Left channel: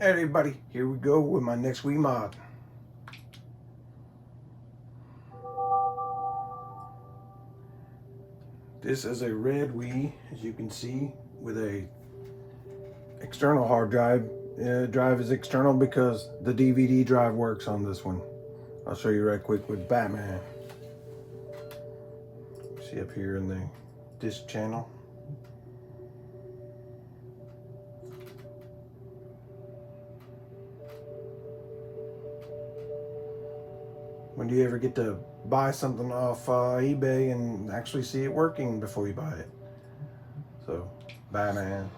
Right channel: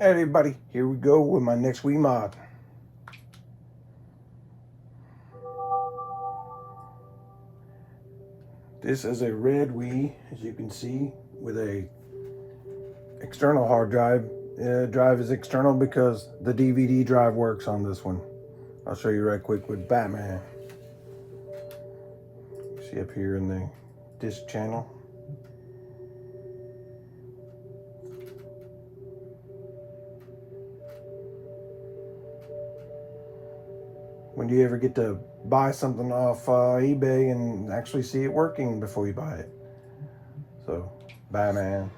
Hey everybody, here we go with my next Wii mod. This is a red Wii, as you can see, with a external hard drive. Drive is external because the DVD drive works on this one. I'll show you right quick with Batman. See up here in the disc channel. When do you ever get to buy something off eBay and actually see it working before you buy it? So, Batman.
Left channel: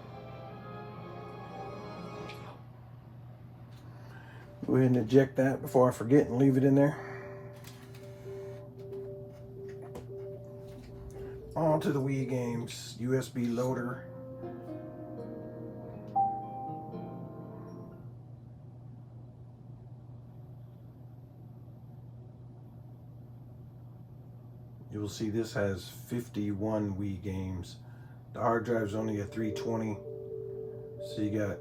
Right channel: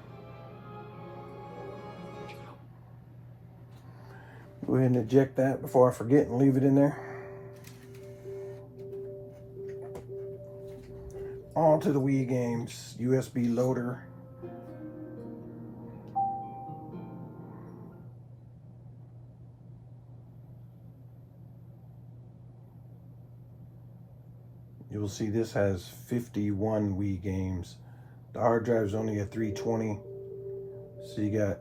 Go ahead and eject that before I forget and leave it in there. On to the Wii games. USB loader. You will see this has 51 Wii games. The hard drive is only a 320, so you got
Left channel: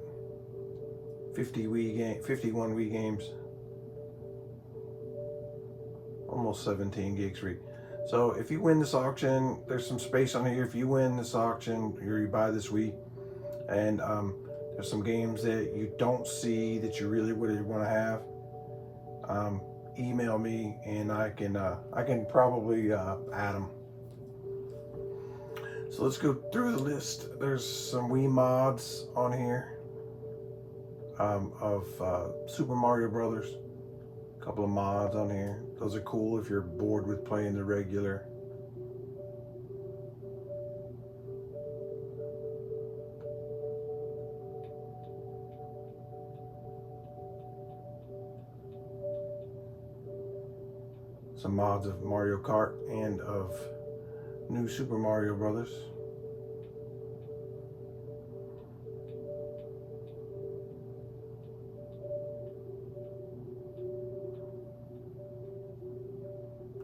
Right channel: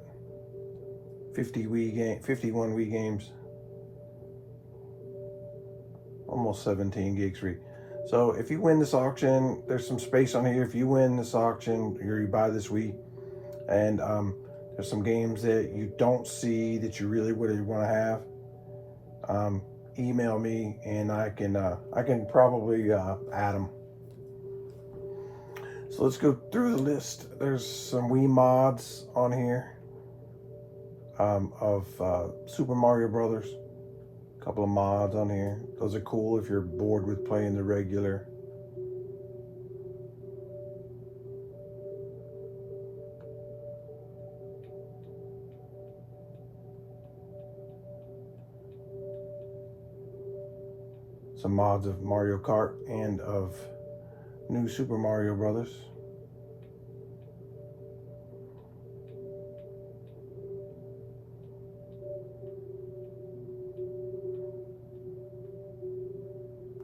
51 Wii games, almost 17 gigs free. So if you win this auction, there's some space on here. If you win this auction, you buy this Wii, and there's some games that you don't see that you really want to have. Email me and I can probably add them. So let's go through the list. There's some Wii mods on here of Super Mario Brothers. A couple of mods on here. Those are cool if you're bored with playing the regular. Some mods of Mario Kart and of new Super Mario Brothers.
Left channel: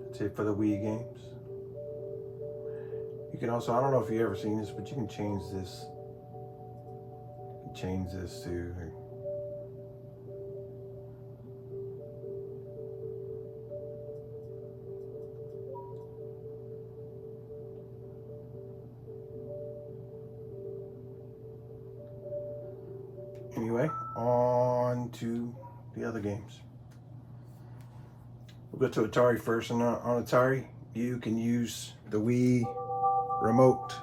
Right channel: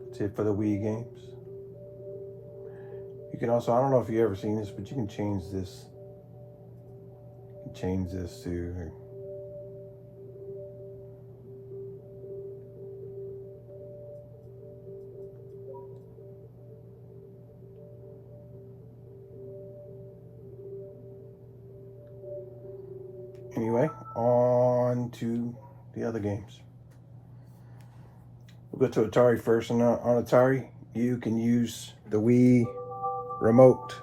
That's it for the Wii games. You can also, I don't know if you've ever seen this, but you can change this. You can change this to anyway, on to the other games. We'll go to Atari first, and on Atari, you can use the Wii remote.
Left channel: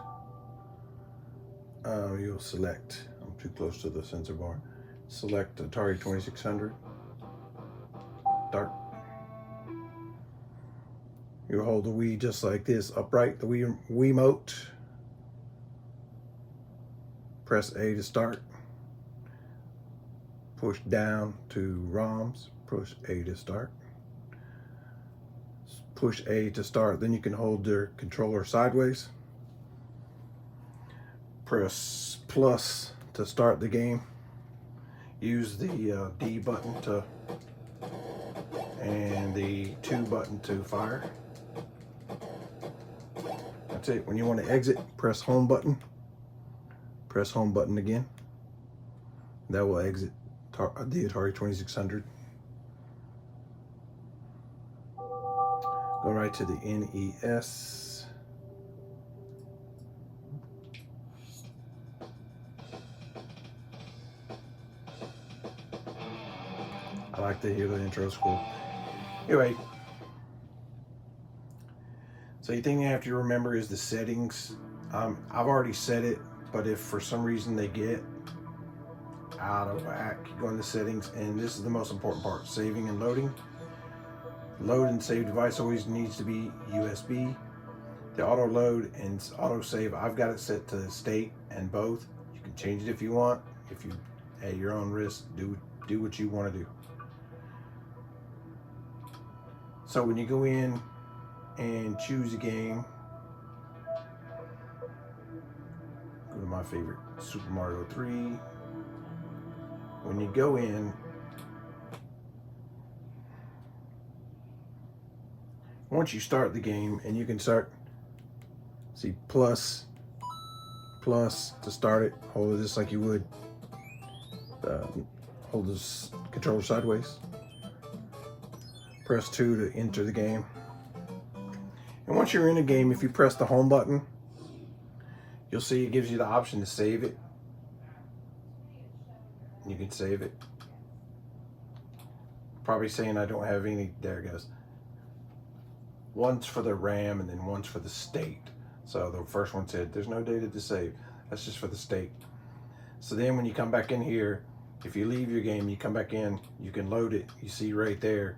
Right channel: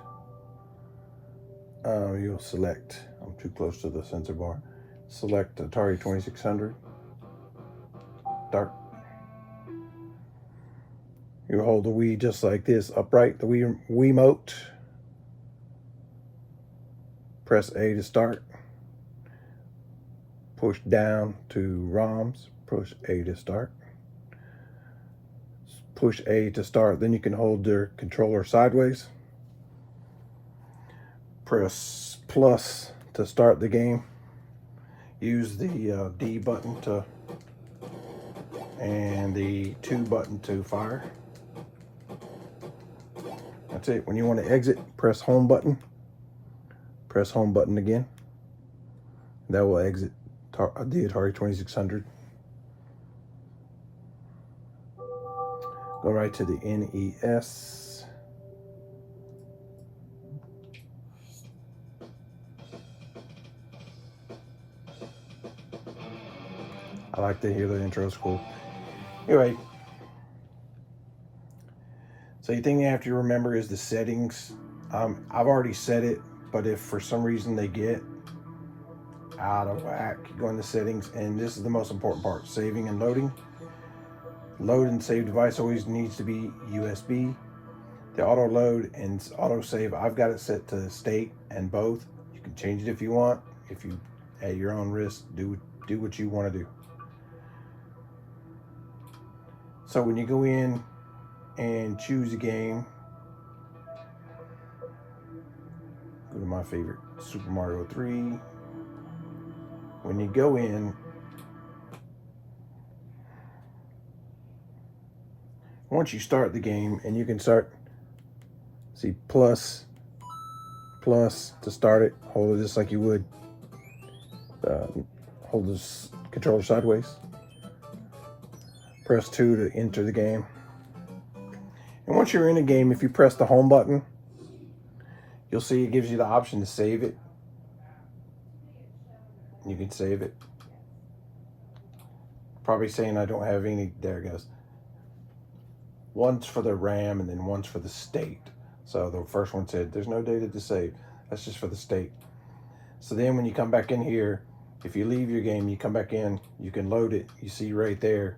You'll select, I'm too close to the sensor bar. Select Atari 2600. Start. You hold the Wii just like this, upright, the Wii Wiimote. Press A to start. Push down to ROMs, push A to start. Push A to start, then you can hold your controller sideways. Press plus to start the game. Use the D button and the 2 button to fire. That's it. When you want to exit, press home button. Press home button again. That will exit the Atari 2600. Go right to the NES. I like to hear the intro, it's cool. Anyway, so the thing you have to remember is the settings. I've already set it, but if for some reason they get out of whack, go into settings, and this is the most important part: saving and loading. Load and save device always needs to be USB. The auto load and auto save, I've got it set to state and both. You can change it if you want. If you, at your own risk, do what you want to do. So when you go in and choose a game, go to my favorite, Super Mario 3. When you go in, once you start the game, and you can start, see plus to start it, hold it just like you would hold this controller sideways. Press 2 to enter the game. And once you're in a game, if you press the home button, you'll see it gives you the option to save it. You can save it. Probably saying I don't have any. There it goes. One's for the RAM and then one's for the state. So the first one said there's no data to save. That's just for the state. So then when you come back in here, if you leave your game, you come back in, you can load it. You see right there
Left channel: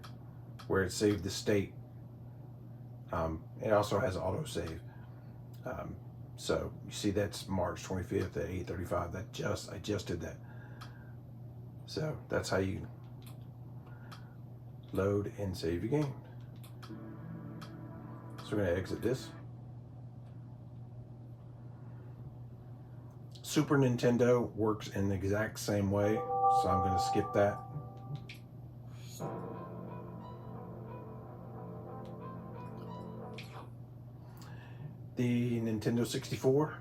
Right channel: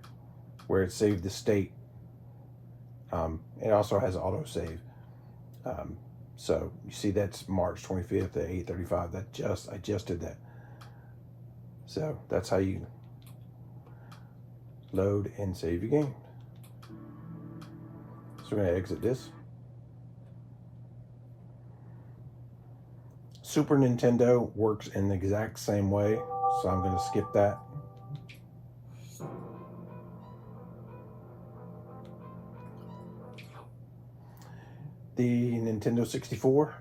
where it saved the state. It also has auto save. So you see that's March 25th at 8:35. I just did that. So that's how you load and save your game. So we're going to exit this. Super Nintendo works in the exact same way, so I'm going to skip that. The Nintendo 64.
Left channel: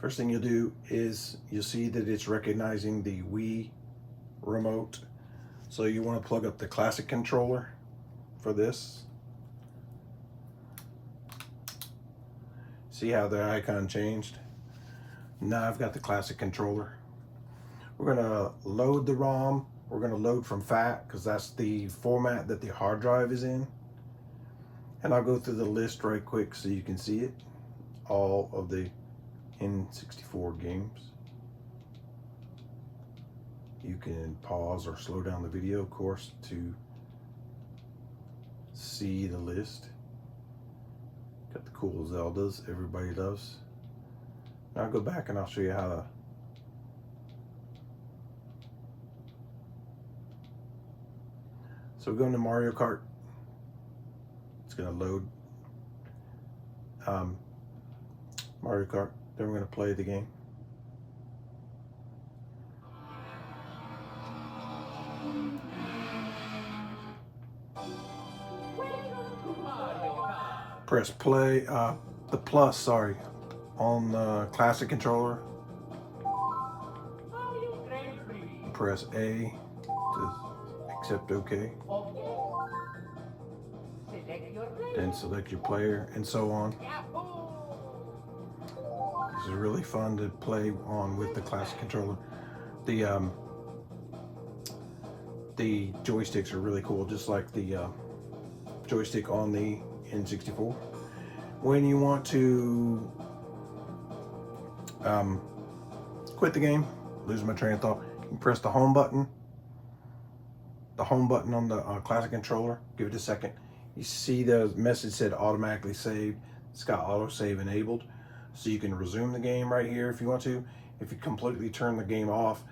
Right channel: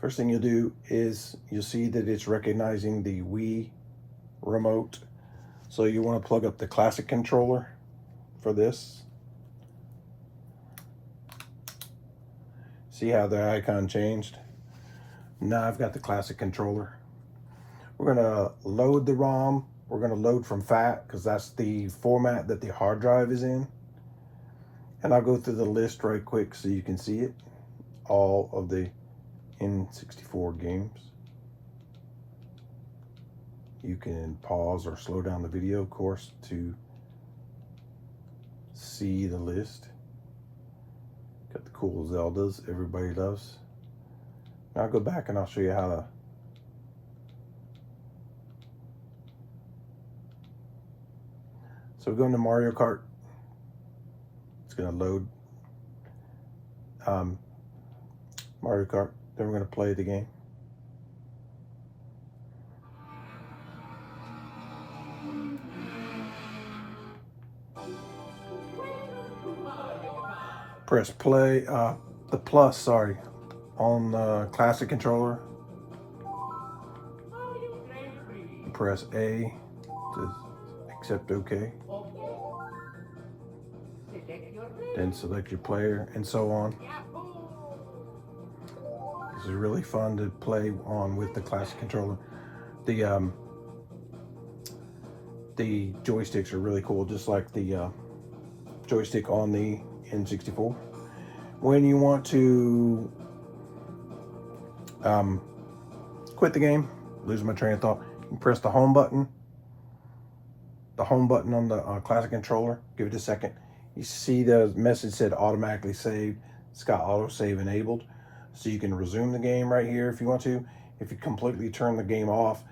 First thing you'll do is you'll see that it's recognizing the Wii remote. So you want to plug up the classic controller for this. See how the icon changed? Now I've got the classic controller. We're going to load the ROM. We're going to load from FAT because that's the format that the hard drive is in. And I'll go through the list right quick so you can see it. All of the N64 games. You can pause or slow down the video, of course, to see the list. Got the cool Zeldas everybody loves. Now I'll go back and I'll show you how to so we're going to Mario Kart. It's going to load Mario Kart. Then we're going to play the game. Press play, the plus, sorry, on the classic controller. Press A to accept OK. Then select your player and so on. This is really fun to play on with the classic controller. The joysticks are really cool, just like the joystick on the N64. When you want to quit the game, lose my train of thought, you press the home button. The home button on the classic controller. Give it a second. You see the message said automatically saved. It's got auto save enabled. So you can resume the game right here if you want to. If you completely turn the game off,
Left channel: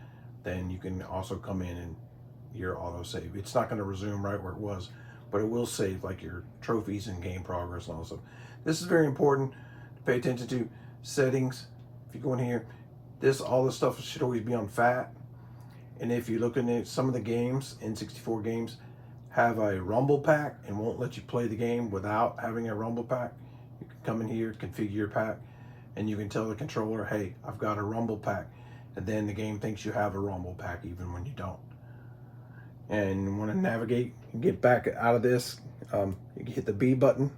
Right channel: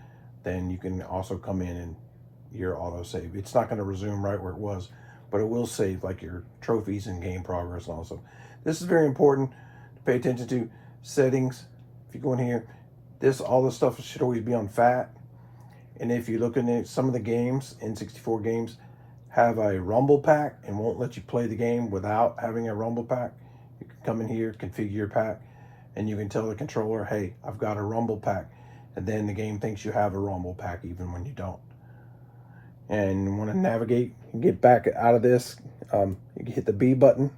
then you can also come in and your auto save. It's not going to resume right where it was, but it will save like your trophies and game progress and all stuff. This is very important to pay attention to. Settings. If you go in here, all this stuff should always be on FAT. And if you look at some of the games, N64 games, have a rumble pack and won't let you play the game without having a rumble pack. You can come in here, configure your pack, and you can tell the controller, hey, I've got a rumble pack. And then the game thinks you have a rumble pack even when you don't. And you want to navigate and get back out of this, you can hit the B button.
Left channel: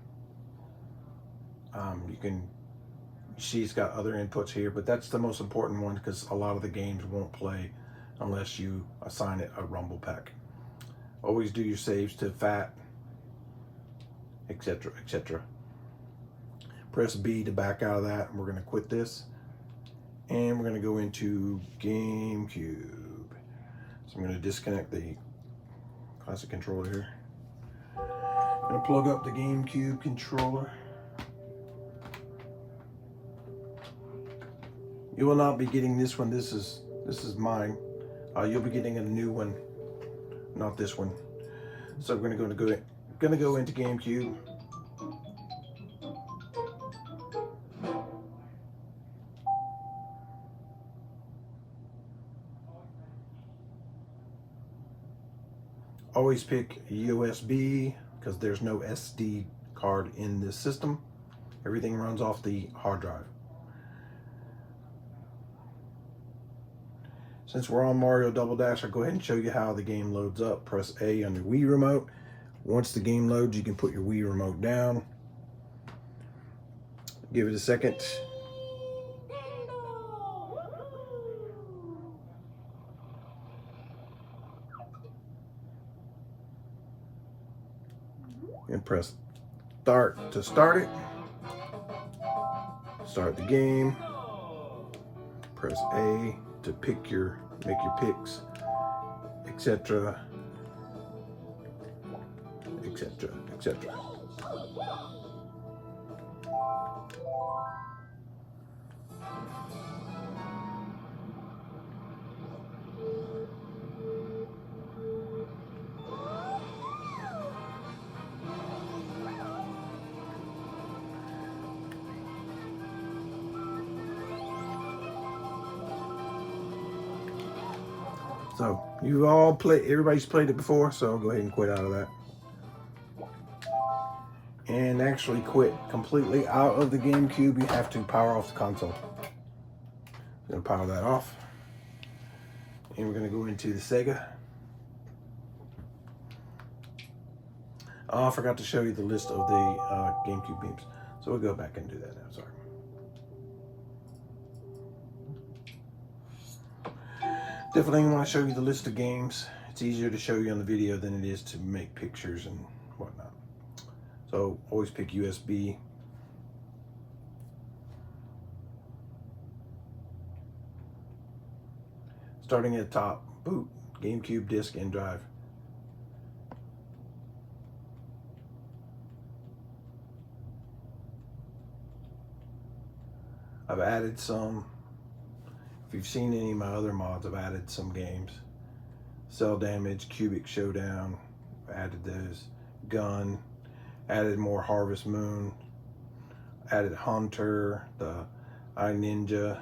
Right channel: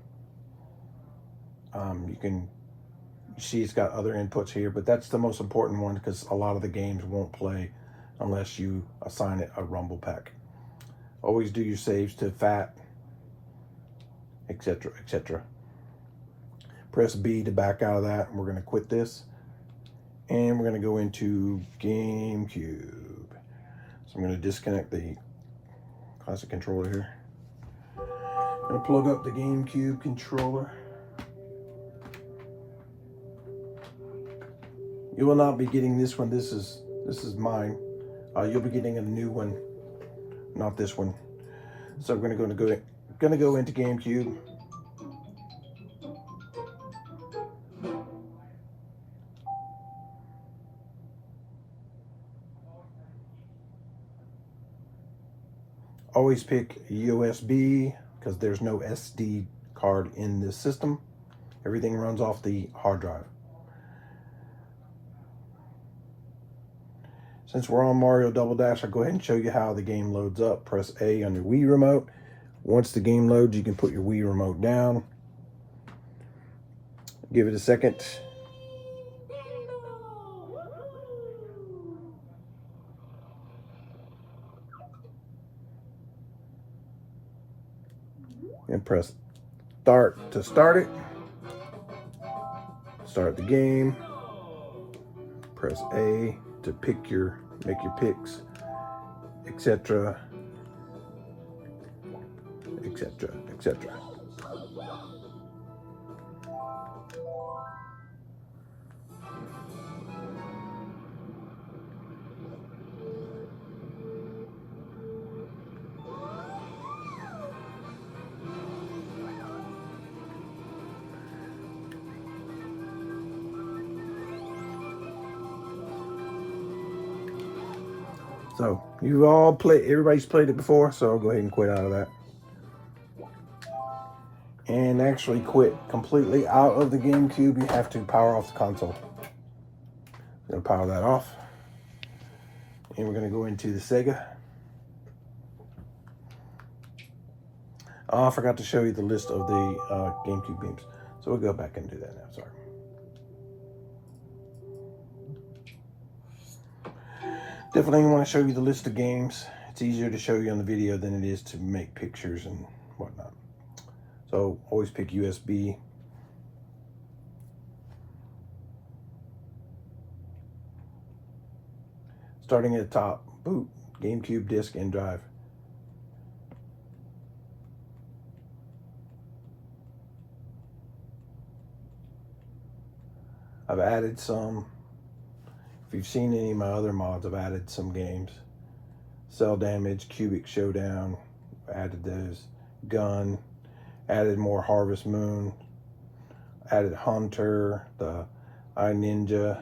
You can see it's got other inputs here, but that's the most important one because a lot of the games won't play unless you assign it a rumble pack. Always do your saves to FAT, etc., etc. Press B to back out of that, and we're going to quit this. And we're going to go into GameCube. So I'm going to disconnect the classic controller here. I'm going to plug up the GameCube controller. You will not be getting this one. This is mine. You'll be getting a new one, not this one. So I'm going to go into GameCube. Always pick USB because there's no SD card in this system. Everything runs off the hard drive. Since we're on Mario Double Dash, I'll go ahead and show you how the game loads up. Press A on your Wii remote. Once the game loads, you can put your Wii remote down. Give it a second. And press start to start it. Start the game. Press A to make your picks, etc., etc., etc. So you all everybody's played it before, so I'll go ahead and quit out of that. And actually quit completely out of the GameCube, you have to power off the console. I'm gonna power that off. And we're gonna go into the Sega. Oh, I forgot to show you the list of the GameCube games. So we'll go back and do that now, sorry. Definitely want to show you the list of games. It's easier to show you on the video than it is to make pictures and whatnot. So always pick USB. Starting at the top, boot, GameCube disc and drive. I've added some. If you've seen any of my other mods, I've added some games. Cell Damage, Cubic Showdown, added those. Gun, added more Harvest Moon, added Hunter, the iNinja,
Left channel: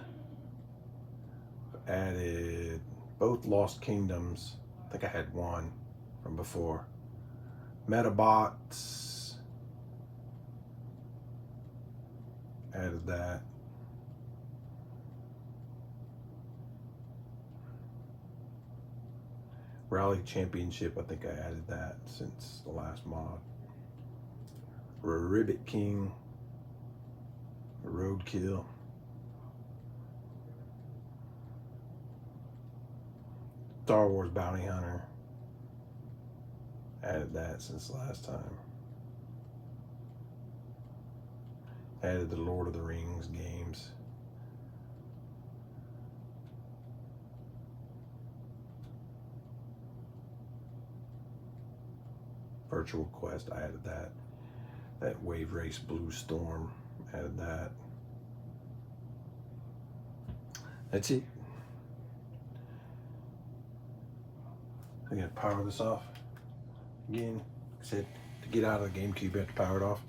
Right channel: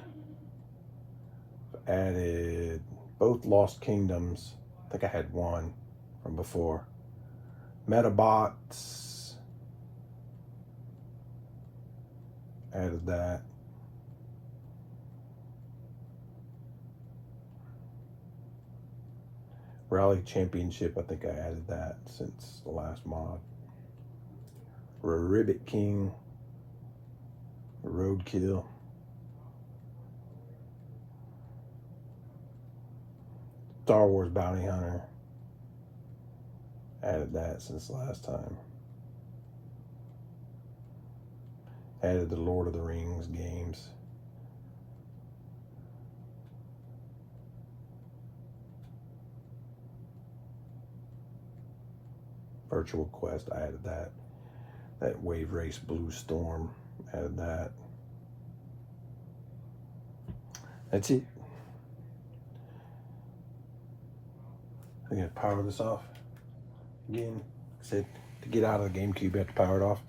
added both Lost Kingdoms. I think I had one from before. Metabots, added that. Rally Championship, I think I added that since the last mod. Ribbit King, Roadkill. Star Wars Bounty Hunter. Added that since the last time. Added the Lord of the Rings games. Virtual Quest, I added that. That Wave Race Blue Storm, added that. That's it. I'm gonna power this off. Again, I said to get out of the GameCube, you have to power it off.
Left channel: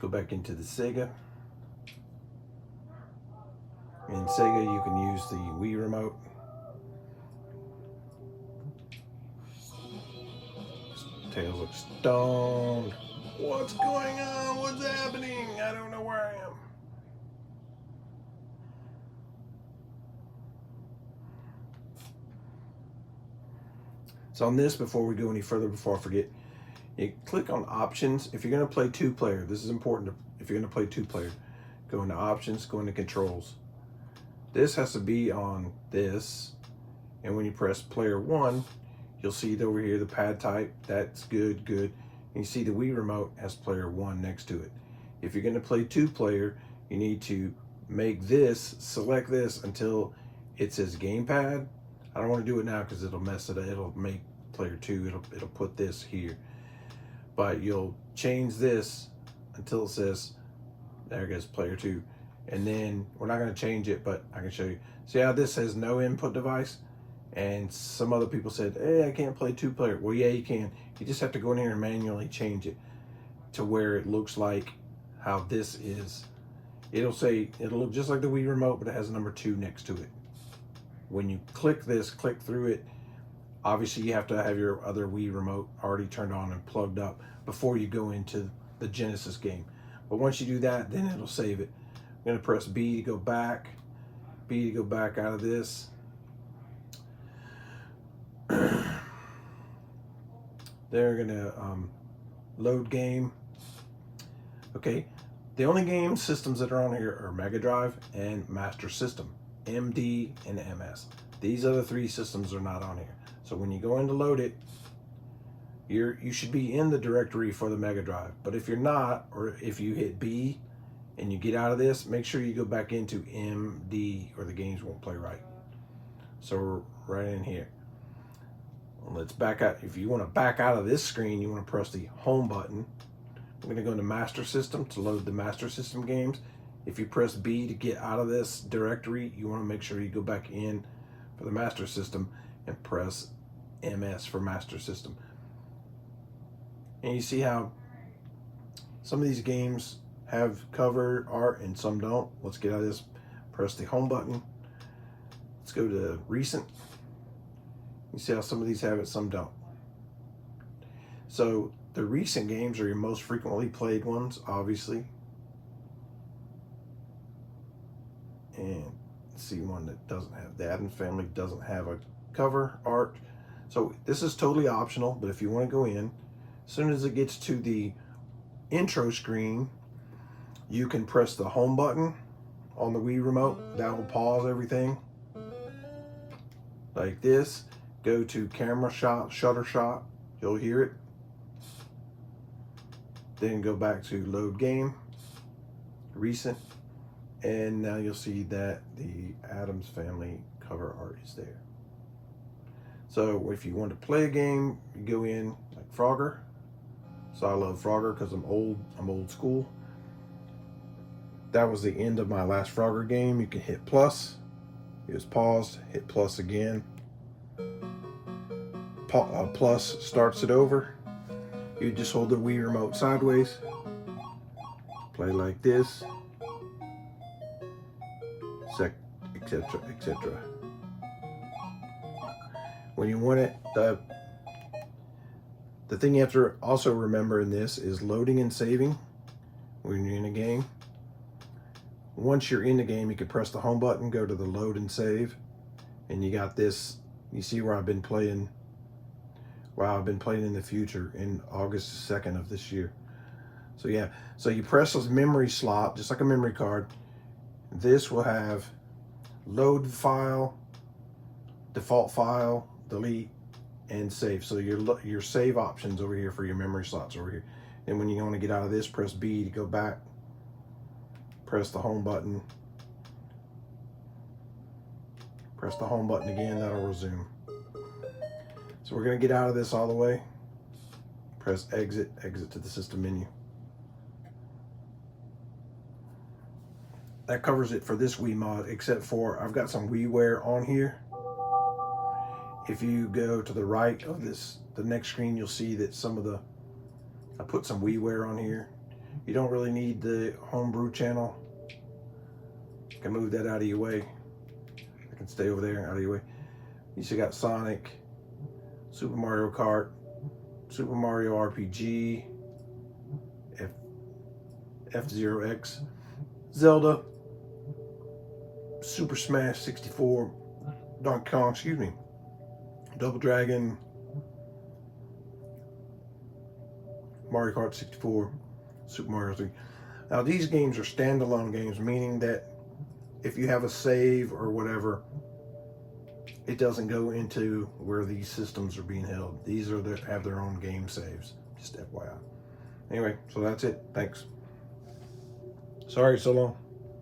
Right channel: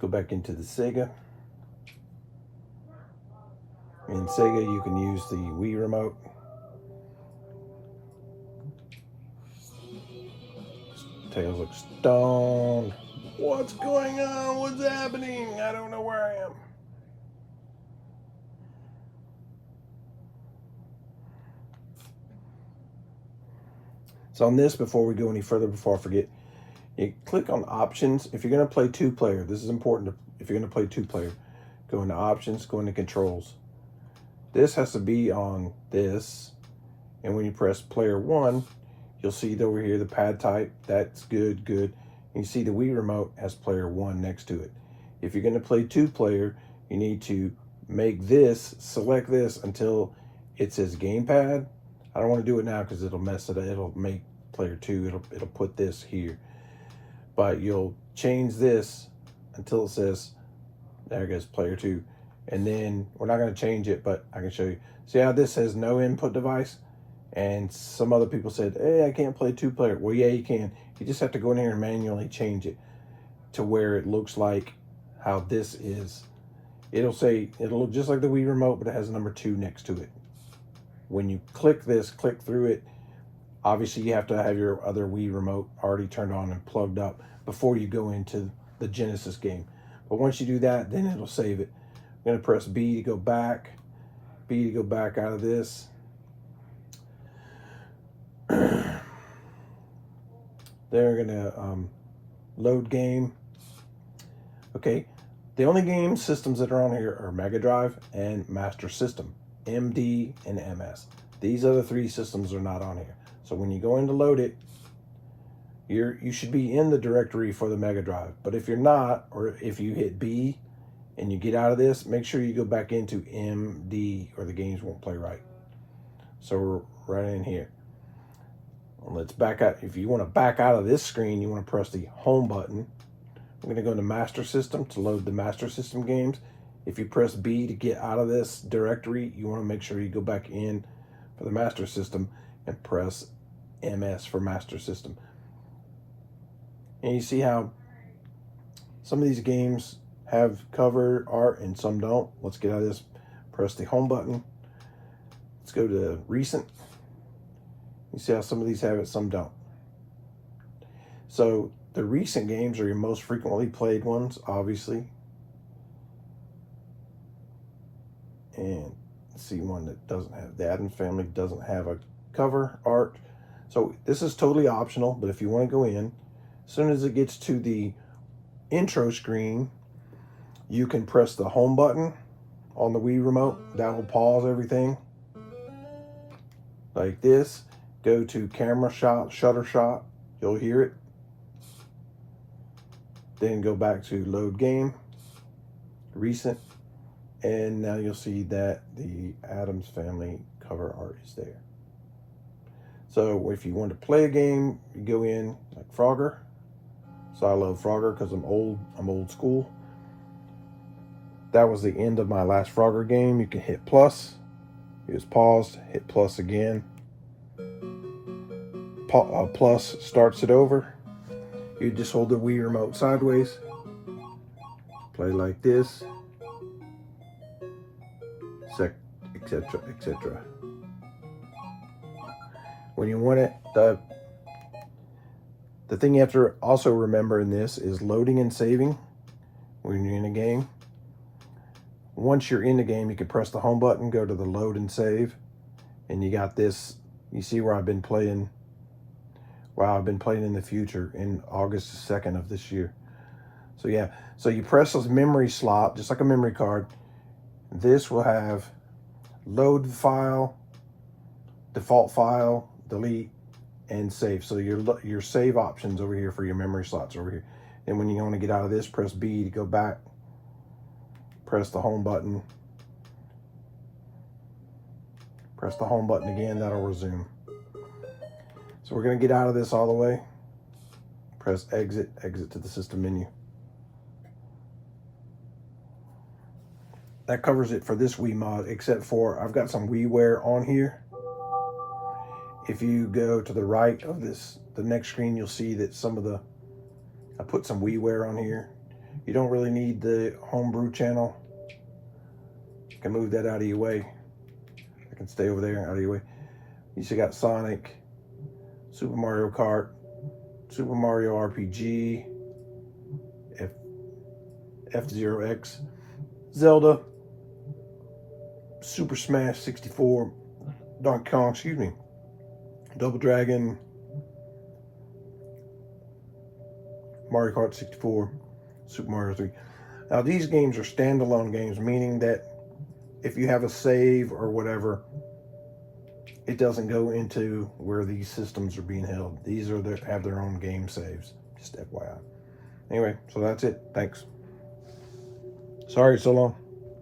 Go back into the Sega. In Sega, you can use the Wii remote. Tails look stoned. What's going on? What's happening? I don't know where I am. So on this, before we go any further, before I forget, you click on options. If you're going to play two-player, this is important. If you're going to play two-player, go into options, go into controls. This has to be on this. And when you press player 1, you'll see it over here, the pad type. That's good, good. And you see the Wii remote has player 1 next to it. If you're going to play two-player, you need to make this, select this until it says gamepad. I don't want to do it now because it'll mess it up. It'll make player 2. It'll put this here. But you'll change this until it says, there goes player 2. And then we're not going to change it, but I can show you. See how this says no input device? And some other people said, hey, I can't play two-player. Well, yeah, you can. You just have to go in here and manually change it to where it looks like how this is. It'll look just like the Wii remote, but it has a number 2 next to it. When you click this, click through it, obviously you have to have your other Wii remote already turned on and plugged up before you go into the Genesis game. But once you do that, then it'll save it. I'm going to press B to go back. B to go back out of this. They're going to load game. Okay, the only game systems that are on here are Mega Drive and Master System, MD and MS. These other three systems are not on here. So when you go in to load it, you should be in the directory for the Mega Drive. But if you're not, or if you hit B and you get out of this, make sure you go back into MD or the games won't play right. So we're right in here. Well, let's back out. If you want to back out of this screen, you want to press the home button. We're going to go into Master System to load the Master System games. If you press B to get out of this directory, you want to make sure you go back in for the Master System and press MS for Master System. And you see how some of these games have cover art and some don't. Let's get out of this. Press the home button. Let's go to recent. You see how some of these have it, some don't. So the recent games are your most frequently played ones, obviously. And see one that doesn't have, the Addams Family doesn't have a cover art. So this is totally optional, but if you want to go in, as soon as it gets to the intro screen, you can press the home button on the Wii remote. That will pause everything. Like this. Go to camera shot, shutter shot. You'll hear it. Then go back to load game, recent. And now you'll see that the Addams Family cover art is there. So if you want to play a game, you go in like Frogger. So I love Frogger because I'm old school. That was the end of my last Frogger game. You can hit plus. It was paused. Hit plus again. Plus starts it over. You just hold the Wii remote sideways. Play like this. Etc. etc. When you want it, the thing you have to also remember in this is loading and saving when you're in a game. Once you're in the game, you can press the home button, go to the load and save, and you got this. You see where I've been playing. Wow, I've been playing in the future in August 2nd of this year. So yeah, so you press this memory slot, just like a memory card. This will have load file, default file, delete, and save. So your save options over here for your memory slots over here. And when you want to get out of this, press B to go back. Press the home button. Press the home button again, that'll resume. So we're going to get out of this all the way. Press exit, exit to the system menu. That covers it for this Wii mod, except for I've got some WiiWare on here. If you go to the right of this, the next screen, you'll see that I put some WiiWare on here. You don't really need the homebrew channel. You can move that out of your way. I can stay over there, out of your way. You still got Sonic, Super Mario Kart, Super Mario RPG, F-Zero X, Zelda, Super Smash 64, Donkey Kong, Double Dragon, Mario Kart 64, Super Mario 3. Now these games are standalone games, meaning that if you have a save or whatever, it doesn't go into where these systems are being held. These have their own game saves, just FYI. Anyway, so that's it. Thanks. Sorry, so long.